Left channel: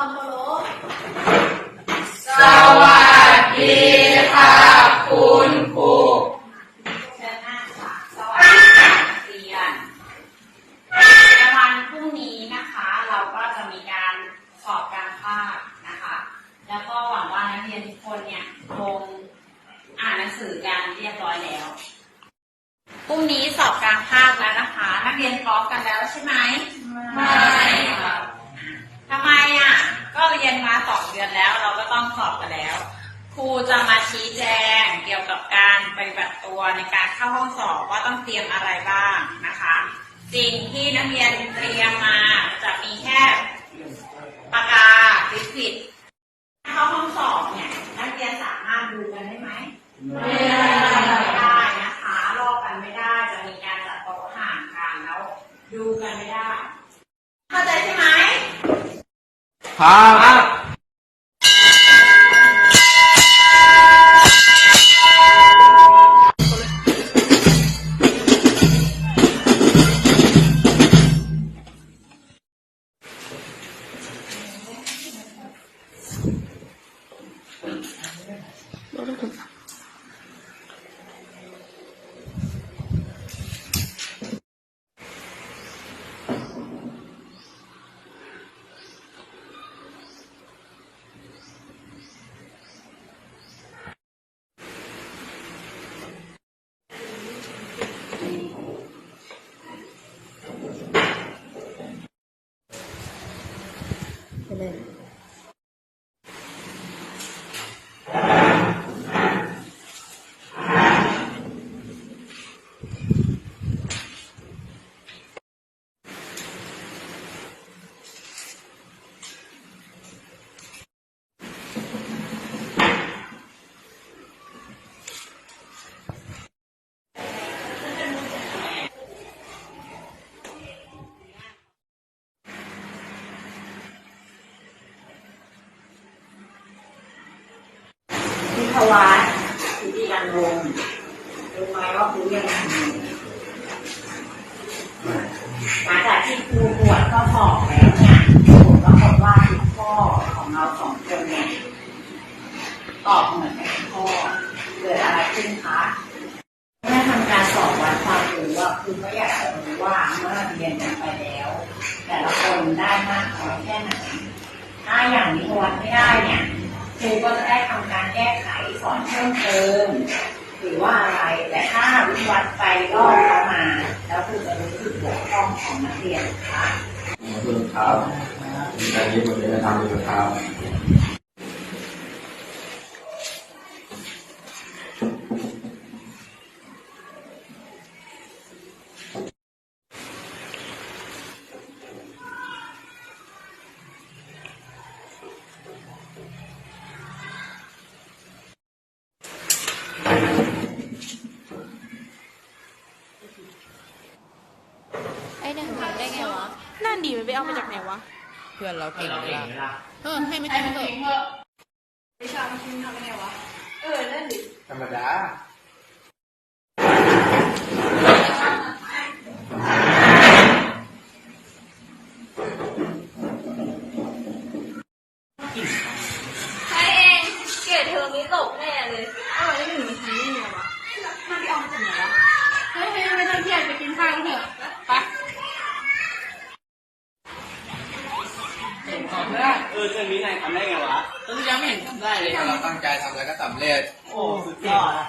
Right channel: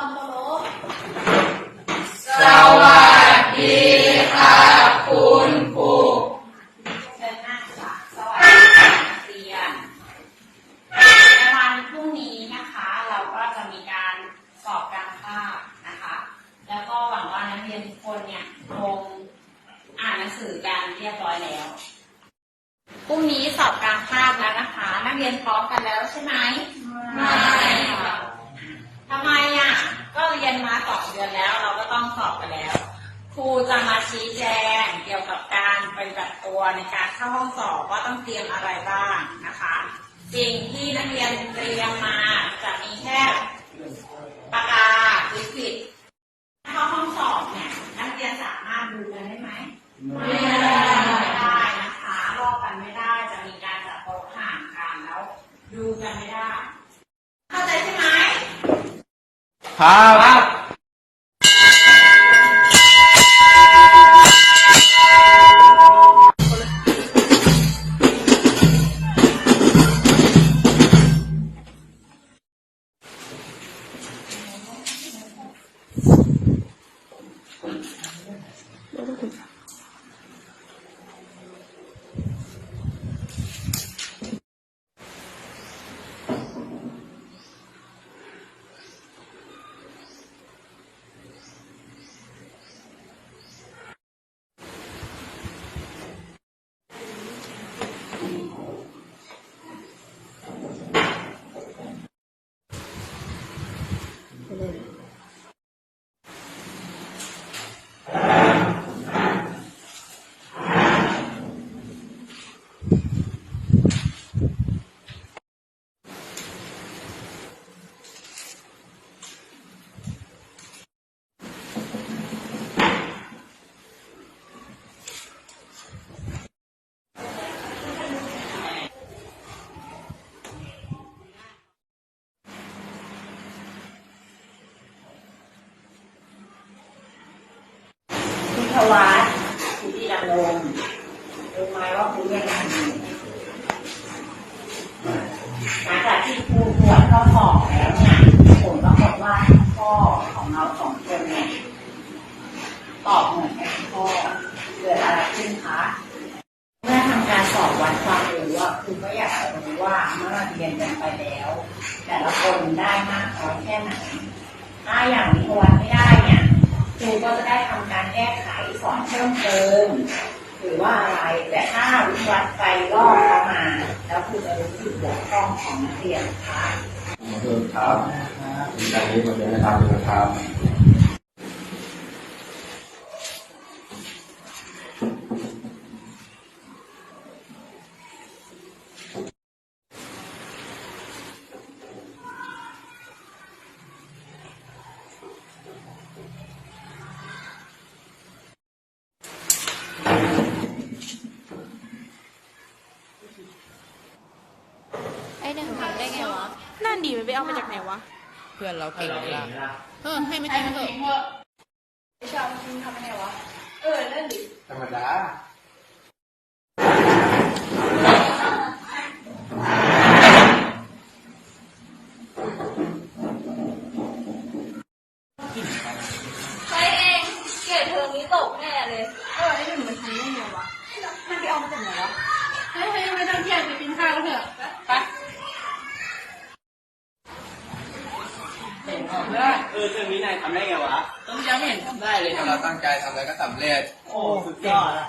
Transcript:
ความเคารพสวัสดีค่ะคุณครูเชิญนั่งค่ะสวัสดีค่ะนักเรียนในวันพรุ่งนี้นะคะ เราก็จะมีการสอบการภาคนะคะ แล้วก็หวังว่านักเรียนทุกคนเนี่ยคงอ่านหนังสือกันเรียบร้อยแล้วพรุ่งนี้สอบการภาคแล้วนะคะ นักเรียนพร้อมกันแล้วใช่ไหมไม่ค่ะทำไมอะ ก็เรียนมาสองเดือนแล้ว เราก็ต้องสอบกันแล้ว ครู จะมาชี้แจงเกี่ยวกับการปฏิบัติตัวในการเข้าห้องสอบว่าต้องเตรียมอะไรบ้างนะคะ สิ่งที่นักเรียนเตรียมมาจะมีแค่ปากกาลิสิตเข้าห้องสอบเนี่ยนักเรียนสามารถดูกันได้ไหมไม่ได้นะคะลอกกันไม่ได้จะมีการจัดโต๊ะห่างกันแล้ว ดูกันไม่ได้เข้าใจใช่ไหมครับ คุณพ วัตคุณจิยานงค์รู้ไหมว่าคุณยนอะไรหลังจากที่ครูตรวจข้อสอบแล้วเนี่ยผลปรากฏว่าข้อของเราสองคนเนี่ยตอบเหมือนกันข้อเกิดอะไรขึ้นคะเมื่อทำการสอบวัดความรู้ว่าคุณก็อยากจะรู้ว่าเมื่อเรียนกันไปแล้ว แต่ละคนได้มากน้อยแค่ไหนถ้าอย่างนี้วัดไม่ได้เนี่ยครูก็จะได้ทำการ อนเพิ่มเติมหรือว่าอะไรแต่ถ้าวิวัดไปรอบเข้ามาแล้วคือจะรู้สึกบกพร่องของนักเรียนค่ะเดินเท้าอันนี้ผมจะทำเดินเท้า ไอ้หนึ่งทำได้ไงวะ นั่นดีมันไปเอามาจากไหนวะ เพื่อนเราเก่งไหมล่ะเออให้มันจริงเถอะธรรมดาใช่ เองเกรดเทอมนี้ตกแน่เลยเออไอ้หนึ่งมันทำได้ไงวะมันไปเอามาจากไหนวะเฮ้ยเฮ้ยไม่ต้องเครียดไปกินข้าวกันเถอะไปเออเพื่อนวินัยทำได้ไงวะต้นยังไม่เห็นทำได้เลยถ้าเราตั้งใจทำแล้วก็สำเร็จ โอ้สุดยอดอะ